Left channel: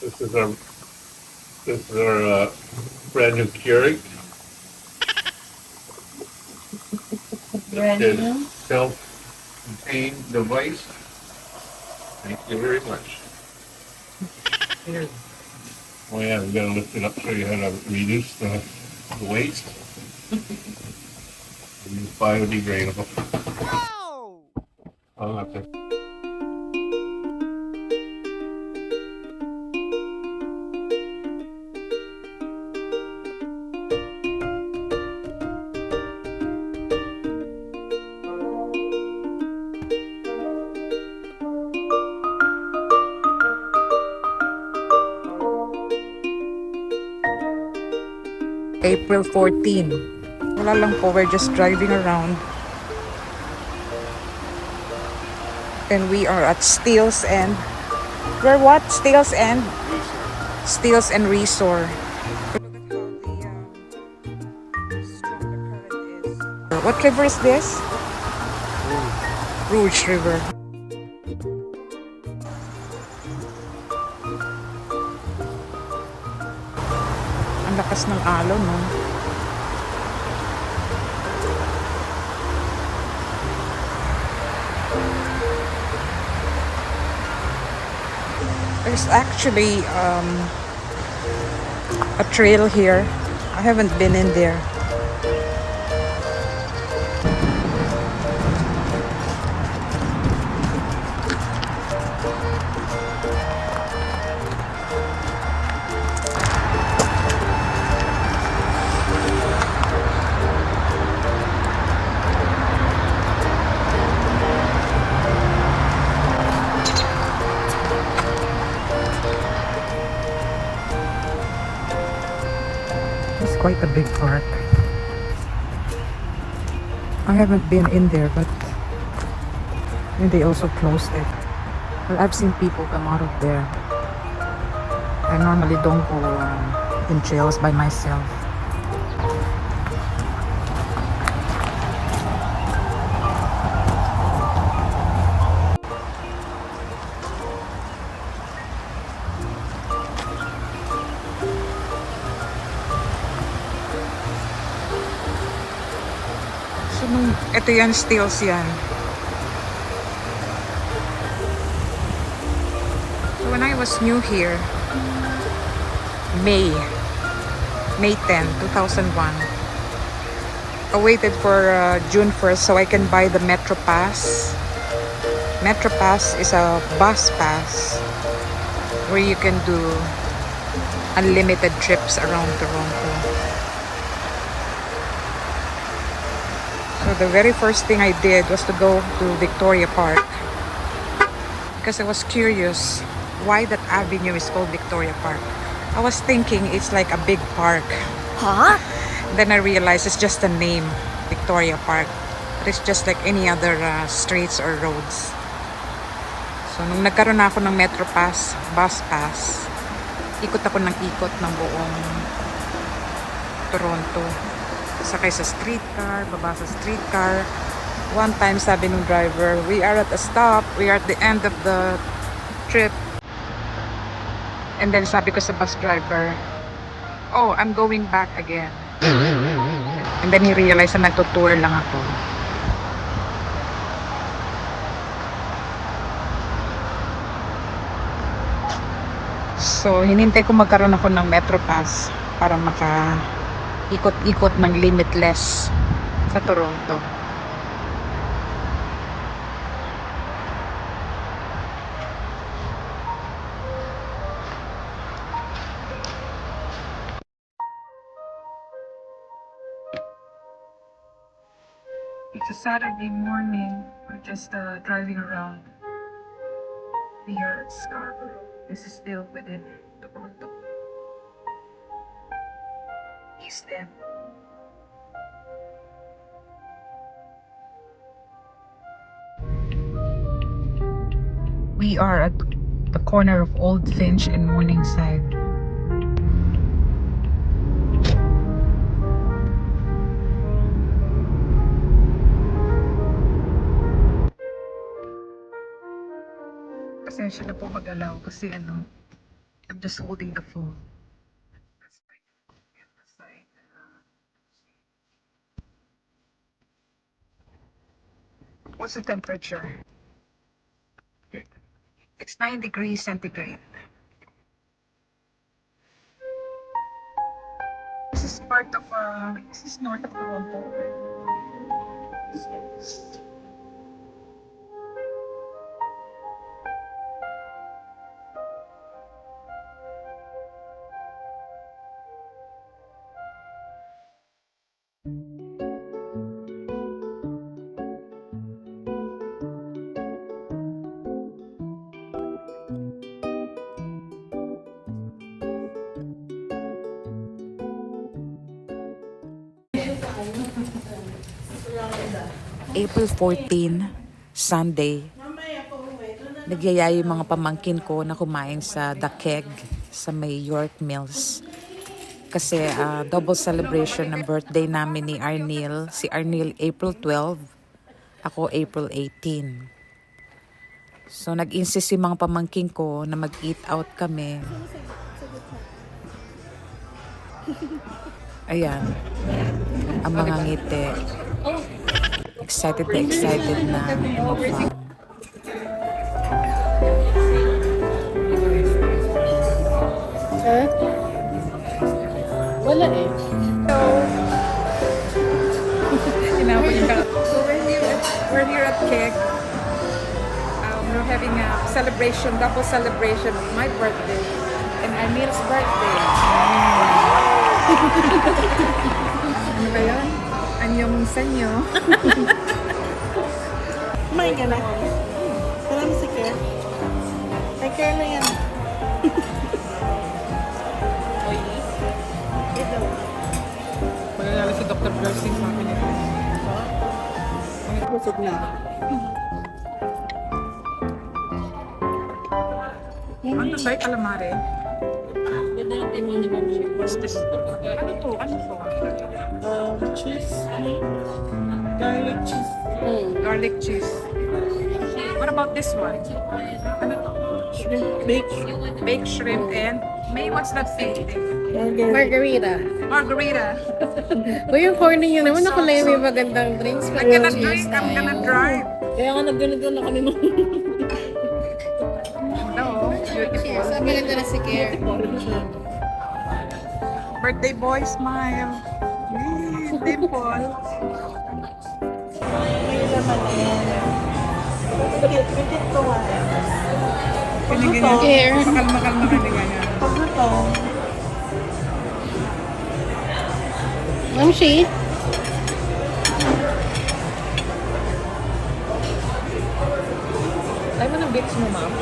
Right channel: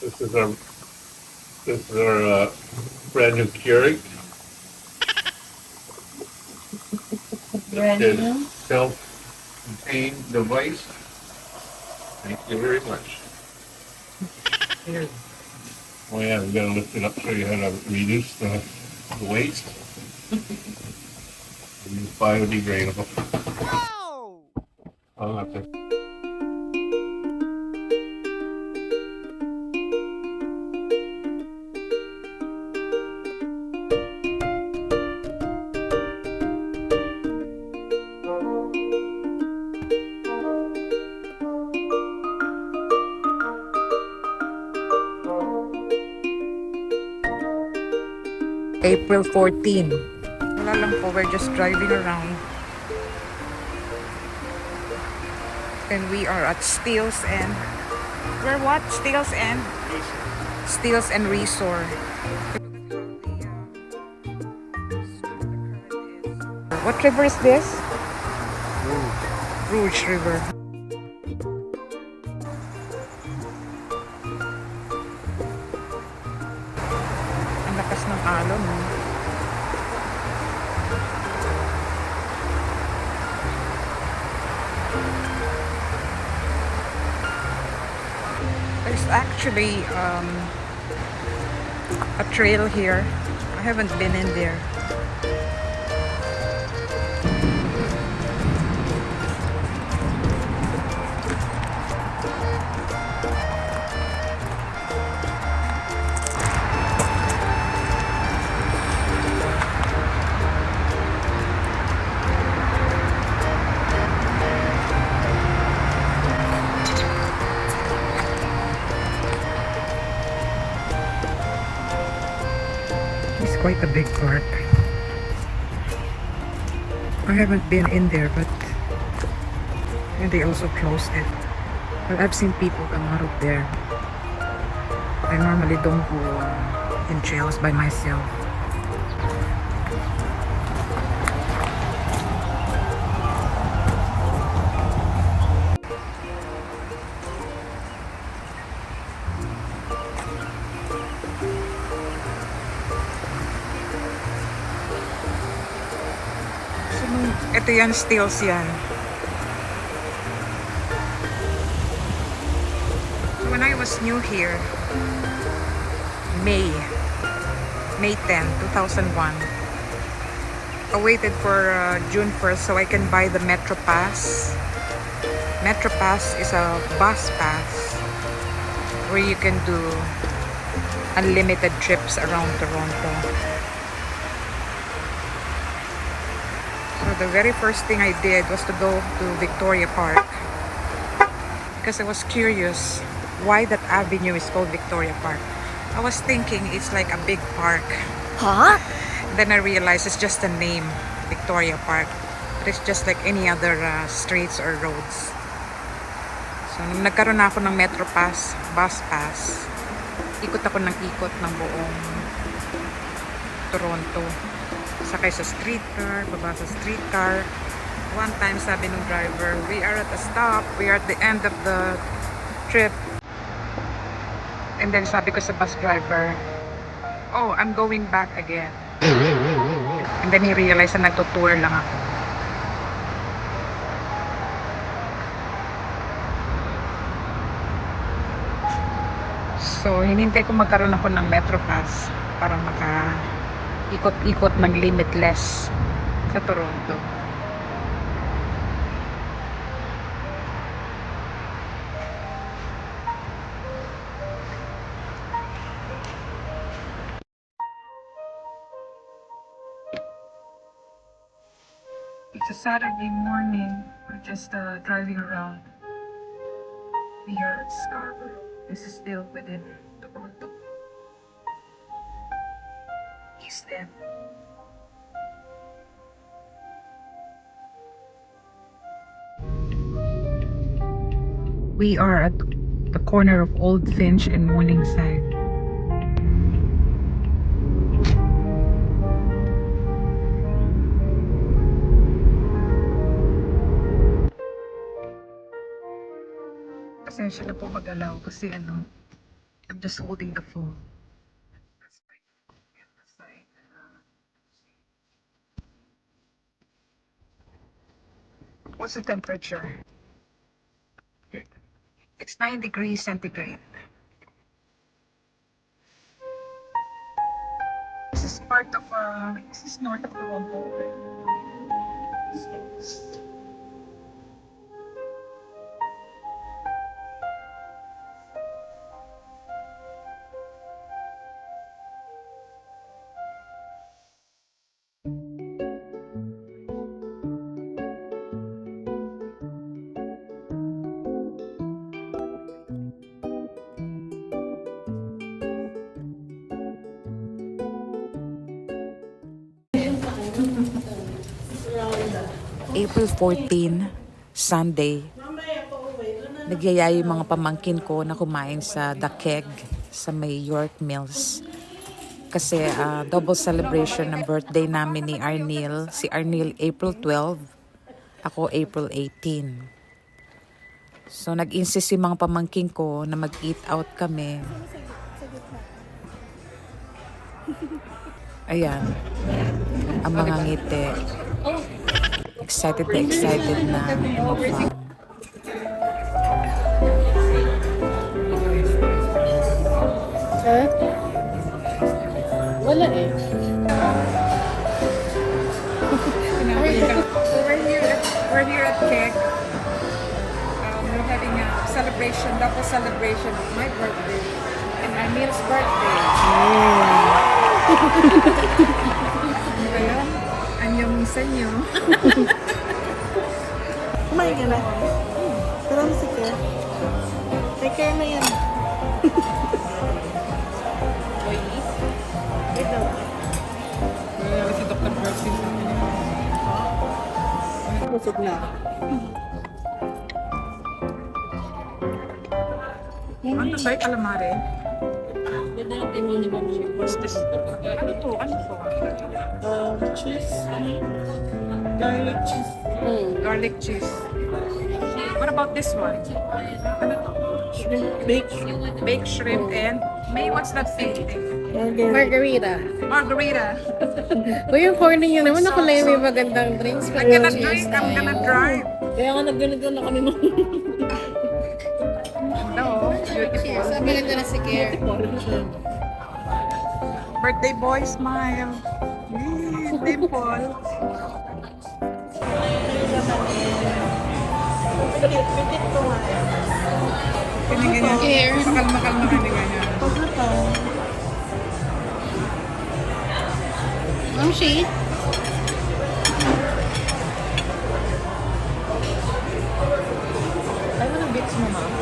This is our brand new Keurig. Brand It is new. self-contained device. Thank you very much. Here. Oh yeah, we gotta lift it up so you how to reduce the waste. Use biodegradable. I'll have to. April 14. Wala lang po, we're just driving around. And we are at Steels and... We're what? Steels and? Steels and Resort. What river is this? Rouge River. Ang lakas ng alon, no? There's actually a trail here. I haven't been in there. It's quite a big park. I haven't been in there, but they also closed it. Well, I've seen people come out of there. I normally don't go in trails by myself. So, ito yan, Steels yan. So, when I was new here, May 10, 2001, I waited for June 1st so I can buy the Metro Pass. Metro Pass is a bus pass where you can do unlimited trips around Toronto. So the very first thing I did was to go to Victoria Park because I was curious why that avenue is called Victoria Park. I was thinking it's like a big park. Huh? Then I realized it's just a name, Victoria Park. But it's just like any other streets or roads. So nung nagkaroon na ako ng Metro Pass, bus pass, ikot ako ng ikot ng buong Toronto. Sakay sa streetcar, baba sa streetcar. One time sabi nung driver, we are at a stop, we are at the end of the trip. And then sabi ko sa bus driver, oh, I'm going back again. And then he realized na nagtutour lang ako. So, hinintay ko magkaroon ako ng Metro Pass para maka-ikot-ikot ng limitless sa Toronto. It's a Saturday morning. We're just driving around. We are at Scarborough. This is still within Toronto. East End. We are at the corner of Old Finch and Morningside. Pasensya na po mag-alaw kasi I'm just holding the phone. What's the temperature? It's 9 degrees centigrade. This is part of, this is north of Toronto. April 14, Sunday. Nagyaya yung mga pamangkin ko na kumain sa The Keg sa may York Mills. Kasi double celebration ng birthday namin ni Arnil. Si Arnil April 12, ako April 18. So nag-insist yung mga pamangkin ko na mag-eat out kami. Ayan, ang mga ngiti. Excited na umafam. Wala eh. We're here at Keg. We're having a celebration, double celebration of my birthday and Arnil's birthday. Ano ba yun? Anyong sanyo. Kumain ka na. Salam si Care. May Care na yan. Ito. Wala na si Dr. Percy. Busog na. Ano sa'yo, calamari? Ganda yung timo ni Ma'am Chick. Ano to? Cheese. Garlic cheese. Garlic cheese. What about this one? Ano to? Shrimp. Baked. Baked shrimp and May, what's that thing? Margarita. Margarita. Uy, yung corny niya naman. Ako lang yung may magandang drinks. I'm gonna drink, I'm gonna drive. Kaya nga nagganito na kami mo. No, beautiful. Sabi ganda na si Care. Birthday boy, smile. Yay, dimple. Ganyan. Makalma-kalma ka nila niya. Oh, see? Tayo mo ng beats mo, ma'am.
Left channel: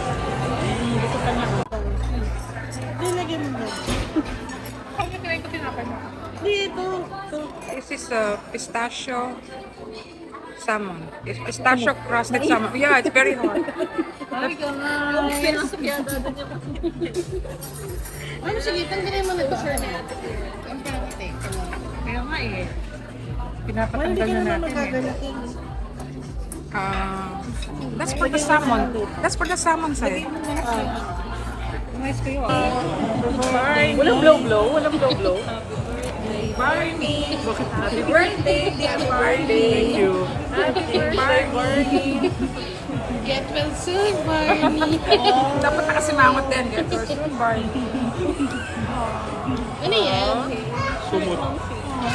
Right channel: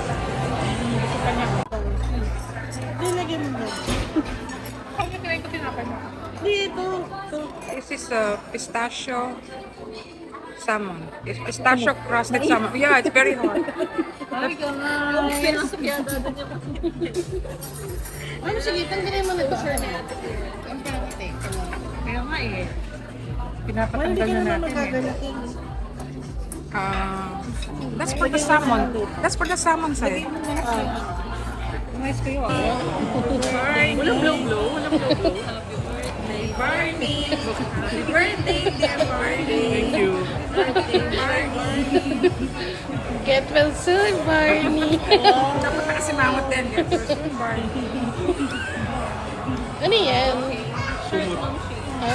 Nilagyan mo yan. Ano kinain ko tinapay mo? Dito. This is pistachio salmon. It's pistachio crusted salmon. Yeah, it's very hot. Ay, ka nga. Yung pinasabyada na niya. Ano, sige, tanggalin mo na ito, sir. Ang pangiti. Kaya nga eh. Pinapatanggal na natin eh. That's for the salmon. That's for the salmon side. Nice kayo ah. Walang blow-blow. Walang blow-blow. Barney! Happy birthday, dear Barney! Thank you. Happy birthday, Barney! Get well soon, Barney. Dapat nakasimamot din. Get well soon, Barney. Ano yan? Sumut.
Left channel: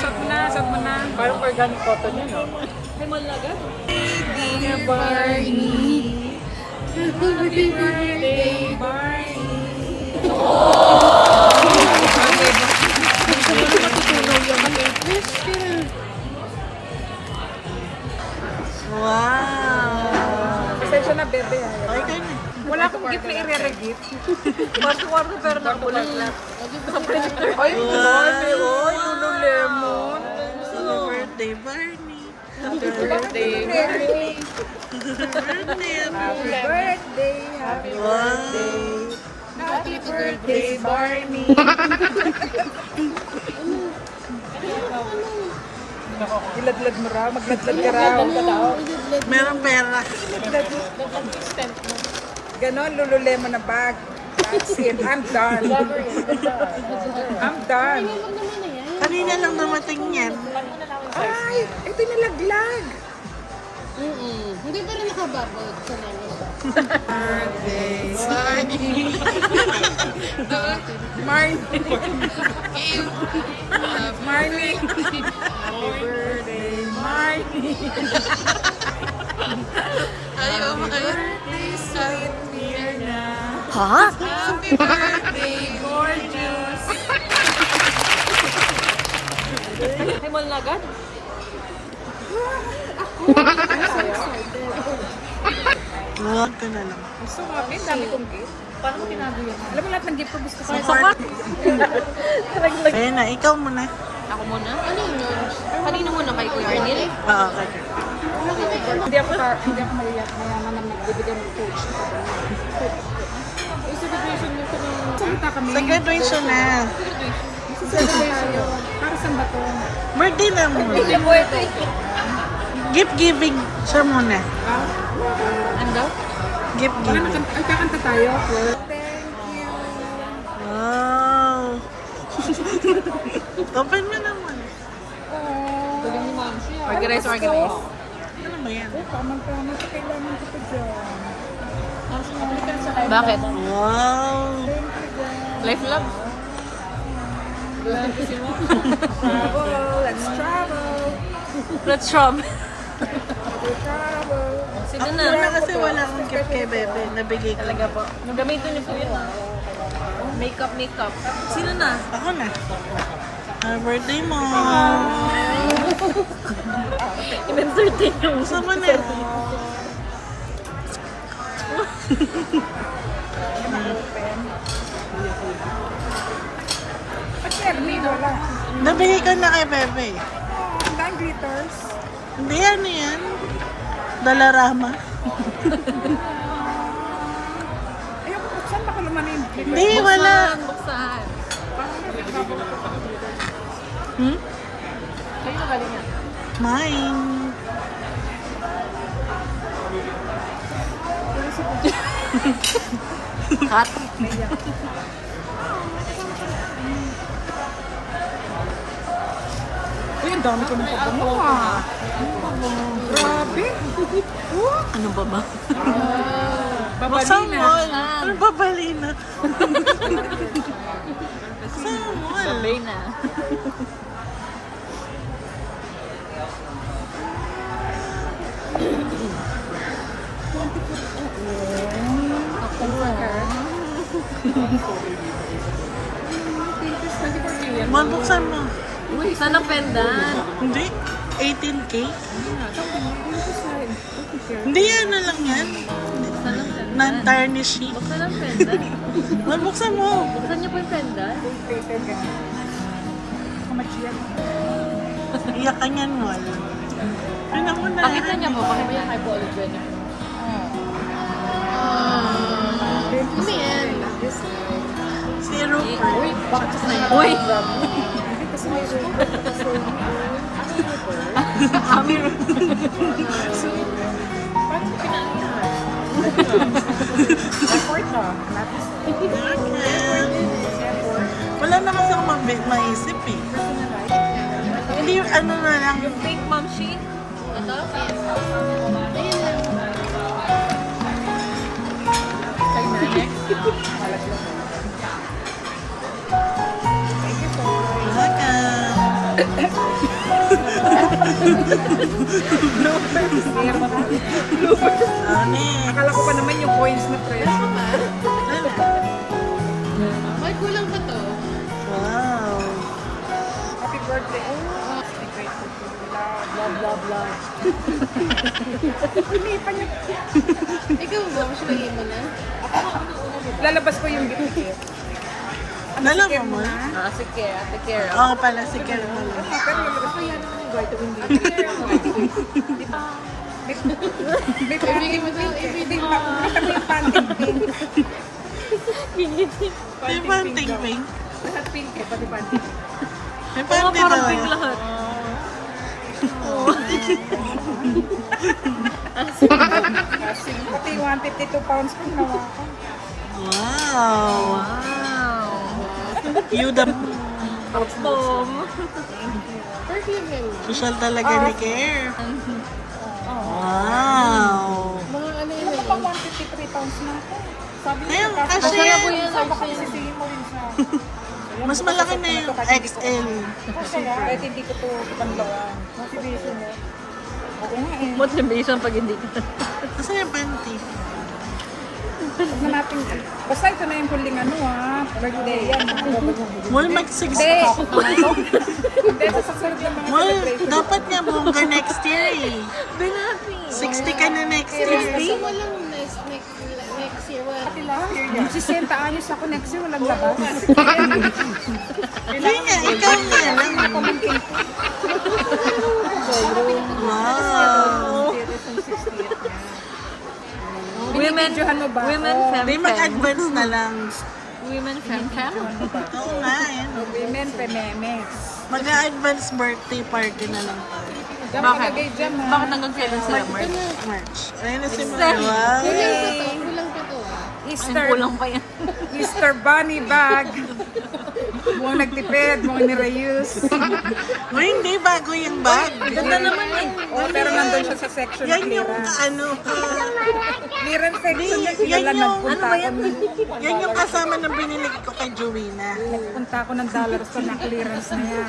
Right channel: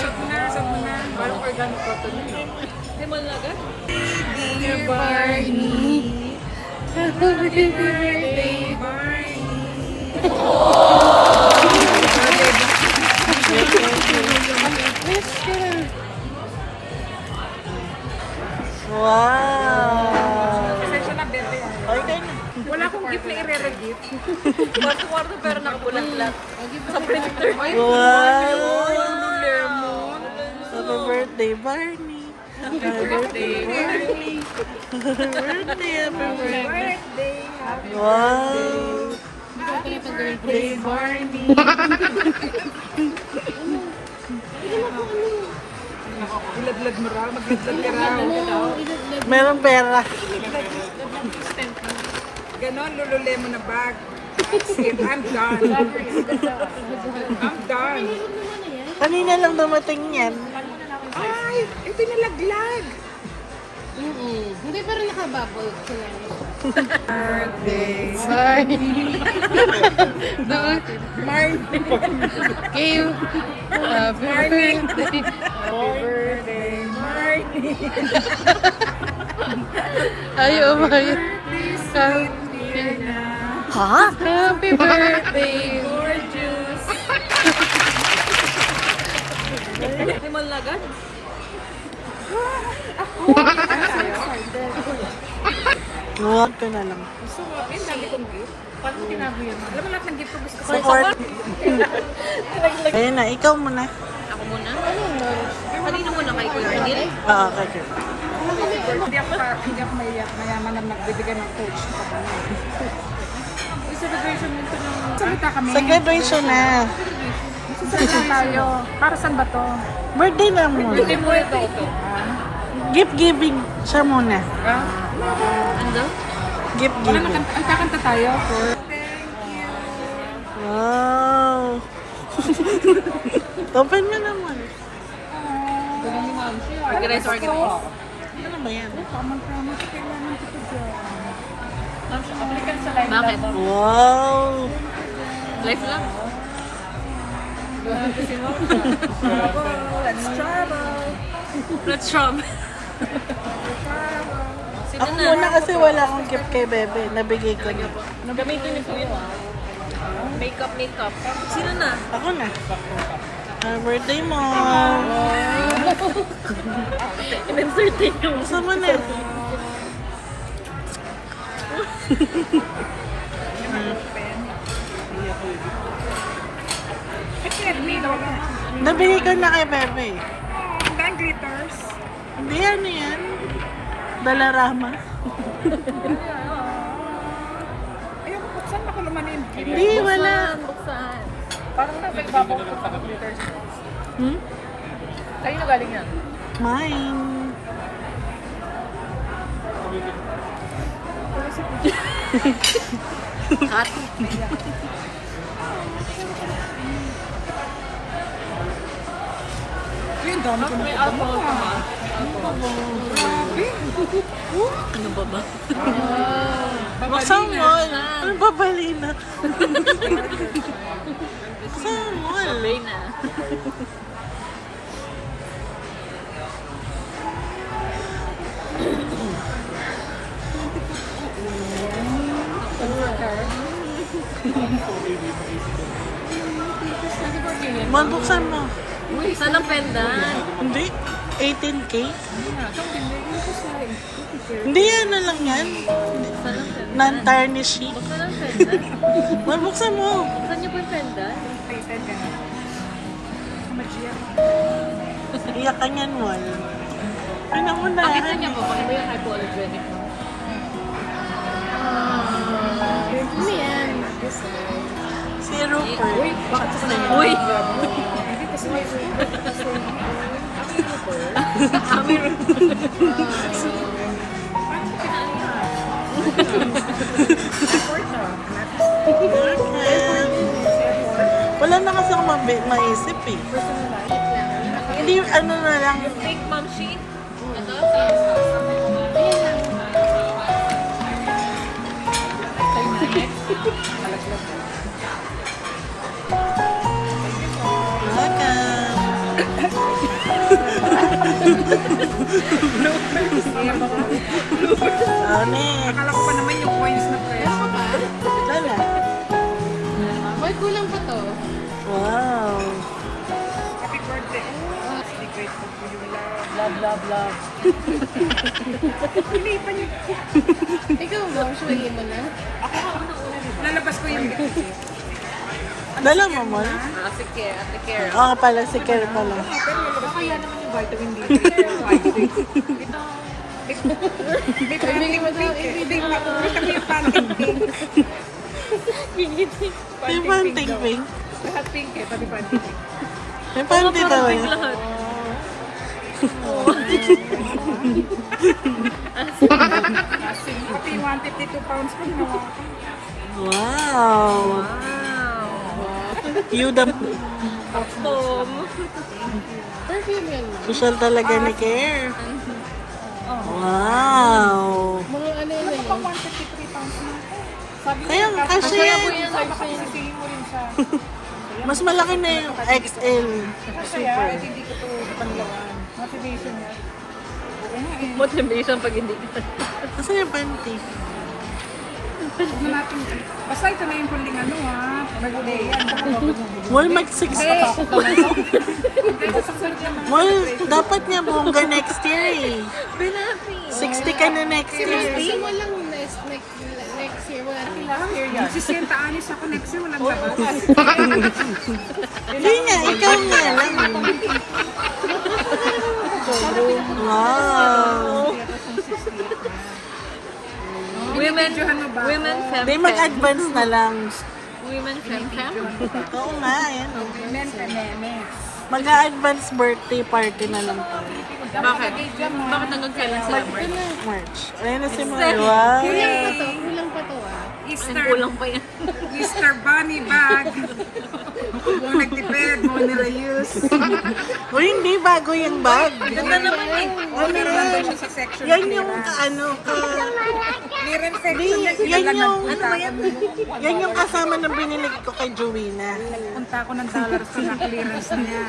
Sot mo na. Parang organic cotton yun, no? Dear Barney. Happy birthday. Barney! Wow! Pasensya na, bebe. Okay ka na. Wala akong gift na i-re-gift. Kwarto-kwarto pero nakabulat-lat. Sa printer. Wow! Birthday, Barney. Happy birthday, Barney! Happy Birthday! Wow! Happy birthday, Barney! Iladlad mo raw, magladlad ka raw. Merong pera. Ganon, lululemon na bag. That's it. I'm done. I'm done. Kanina lang dumating yan. Ay, ito nalaglag. Hindi pero nakababol ko lang. Birthday. Marnie. Marnie. Happy birthday, Marnie. Ayaw mo. Sweet Mirna. Ha? Happy birthday. Gorgeous. Limon na agad? Huwag ka na lang. Gusto mo, ang dami kong gift. Paano mo tinago yan? Alam mo lahat ng gift ko gusto ko. Support. Ayun na, ikaw muna. Ako muna? Ano yun? Kanina muna kay Kuya Neil? Oo, kay Kurt. Hindi ako mayaman na nagbibigay ng coach. Yung celebration nyo ko ng... Salita kami. Sa graduation na. Salita tayo. Para saan ba to? Birthday na muna. Gift giving. Siya muna. Ano? Gift giving. Ang kakanta tayo. Wow. Open mo naman. Tuloy ni Ma'am. Organize. Ano ba yan? Tamang-tamang sa kailangan kita dyan. Bakit? Wow. Life lang? Let's travel. Let's shop. Sino Ako muna kasi wala akong gift kay Bebe. Nabigay ko na. Gamitin niyo po yun. Makeup. Sino na? Ako na. Happy birthday mo. Gusto mo na. Ba't Ernie, wala? Nabigay ko na kay Bebe. Ang daming glitters. Hindi, ano yan? Dalarama. Ayoko, buksan baka naman yung glitters. Hindi, wala. Buksan. Parang nagbabaw ko sa glitters. Hmm? Sa'yo na galing yan? Mine. Cut. Uy, ang dami ko na mo ah. Grabe. Ano ba ba? Buksan mo. Ano ba balina? Buksan mo. Reyna. Man, buksan mo. Saan ang pendant? Hindi. 18K? Hindi, ano lang yan. Non-tarnishy. Saan ang pendant? Man, buksan mo. Saan niyo po yung pendant? Plated ka na. How much yan? Iyak ka niyan, Wal. Ano mo na? Nakita niyo po, ano ba yung hypoallergenic mo? Si Rupert. Bakit kasi na Uy! Hindi kasi may effort na. Wala na kasi ako maisip eh. Hindi yung ano na lang. Fake mom sheet? Ano eh. Akala ko pa naman yung coins na press. Wala. Ay, kulang pa to. Wow. Happy birthday. Oh, be grateful for you, love. Love, love, love. Hindi pa niya. Ikaw mo, suwagin mo na. Lalabas ko yung gift. Dala mo mo? Si Care, Ate Care. Oo pala, si Kel pala. Kaya naman yung vitamin D. Ibigay mo to, Hindi, makita mo yung panting pink. May panting pink. Lahat pink eh, pati panting pink. May panty talaga. Kasi 152 pounds ko naman. Wow! You the Perfume yun. social talaga ni Care. Wow! Mga ano yun. Pang 153 pounds na. Sabi Kaya kasi yan. baka isipin mo rin siya. Mas malaki na yung XL. Kaya, hindi ko ito panlawan. Motivation niya. Okay nga eh. Motivation pag hindi ka. Asan yung panty? Na natin. Basta ito na yung huling ano ah. Mag-uwi yan. Walmart 60. Hindi, sa susunod yung mga Well, dapat nga bongga next year eh. 60 ka na next year. So, walang next year. Wala. last year yan. 60 anyos ako next year. Walang gano'n. Hindi nga, ikaw nga lang. Wow. Women's Fem Hindi mag-advance na lang. Women's Fem Oo nga, ayan o. Women, femenes. Mag-advance birthday party na lang tayo. Bakit? Bakit nag-fem March. Ayun na si Mara. Wow. Kulang pa to. Easter. Kulang pa yan. Easter bunny bag. Mga nagtipid, mga nirayus. O hindi, bago yung bag. Oh, pero nandun siya sa section. Yan yung Clearance section. yan yung, Nagpunta ako. yan yung kasama ng binili ko kay Joanna. Nagpunta ako ng dollars sa na-clearance niya.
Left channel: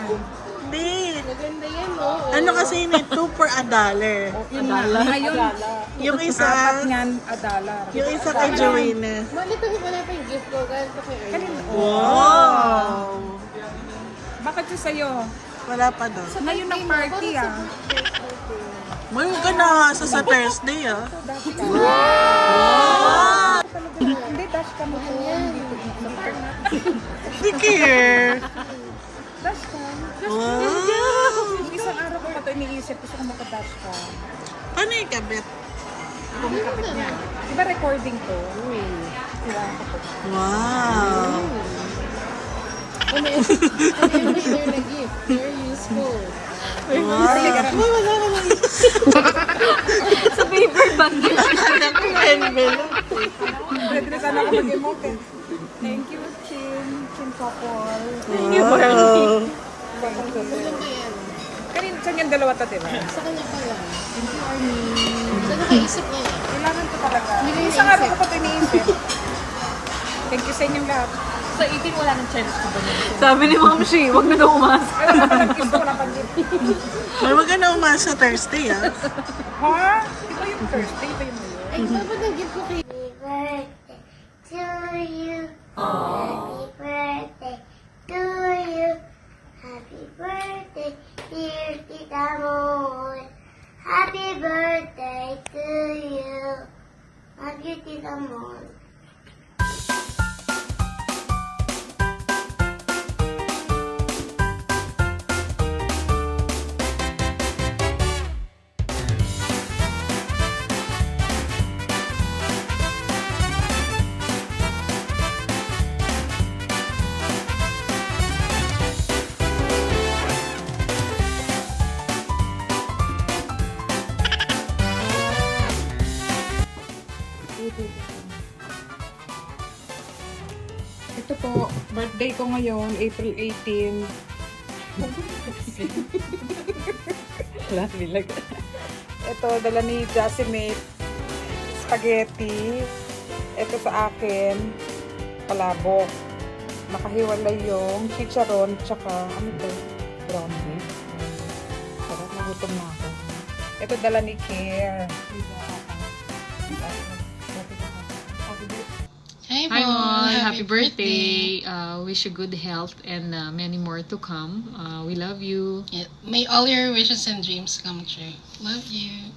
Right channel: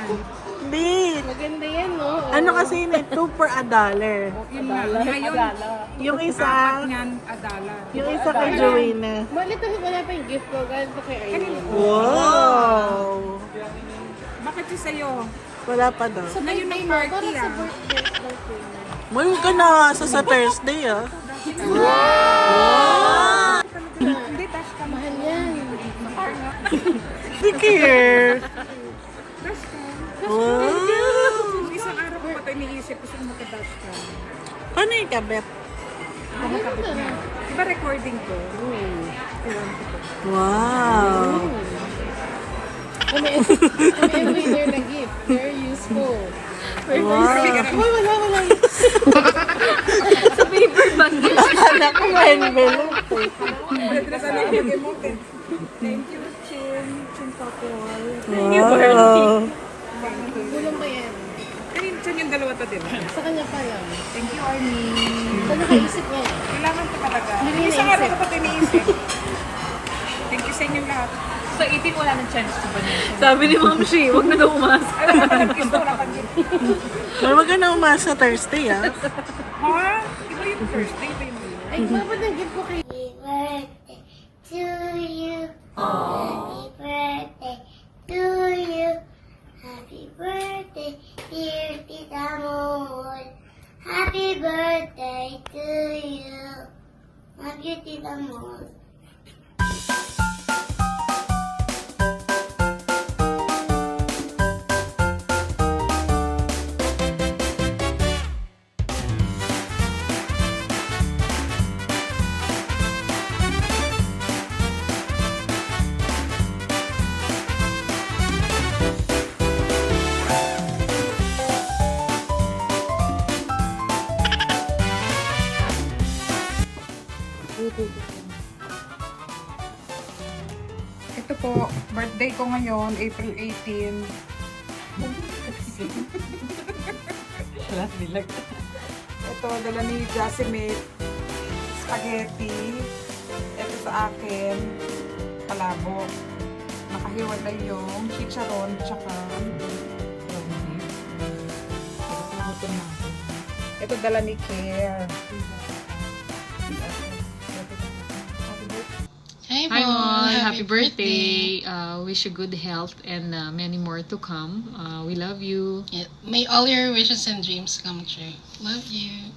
Hindi. Maganda yan, no? Ano kasi yun eh, $2 for $1. Yun na. Ngayon, Yung apat isa, niyan, $1. yung isa kay Joanna. Malito wala pa yung gift ko. Galing ko kay Ernie. Wow. Bakit yung sa'yo? Wala pa daw. Ngayon ang party ah. May huwag ka na sa Thursday ah. Hindi, dash ka mo yan. Sa park nga. Hindi care. Dash ka. Wow. Isang araw ko pa ito iniisip ko kung makadash ka. Paano yung kabet? Kung makabit niya. Diba recording to? Wow. Ano yung na gift? Very useful. Wow. Sa paper bag. Akala ko Wendy. Sana ako mag-emote. Thank you, Chin. Chin Popol. Wow. Kulang pa yan. Kanin, saan yung dalawa to, diba? Sa kanya pa lang. Thank you, Arnie. Ano kaisip niya? Kailangan ko talaga. Hindi Isang naisip. araw ko pa ito iniisip. Thank you sa inyong lahat. Sa 18 wala nang chance ko ba niya? Sabi ni Ma'am Shi, huwag na daw umasa. Alam mo, parang gusto wala pang gift. May wag ka na umasa Thursday ah. Ha? Iba yung Thursday, iba yung Monday. Ay, dapat ang gift ko kay... Happy birthday to you. Happy birthday, dear Tita Moy. Happy birthday to you. Love you, Tita Moy. Ito po, birthday ko ngayon, April 18. Last bilag. Ito, dala ni Jasmine, spaghetti. Ito sa akin, palabok. Nakahiwalay yung chicharon, tsaka ano to, ground beef. Sarap, nagutom na ako. Ito dala ni Care. Hi, Hi, happy birthday. Wish you good health and many more to come. We love you. Yeah, may all your wishes and dreams come true. Love you.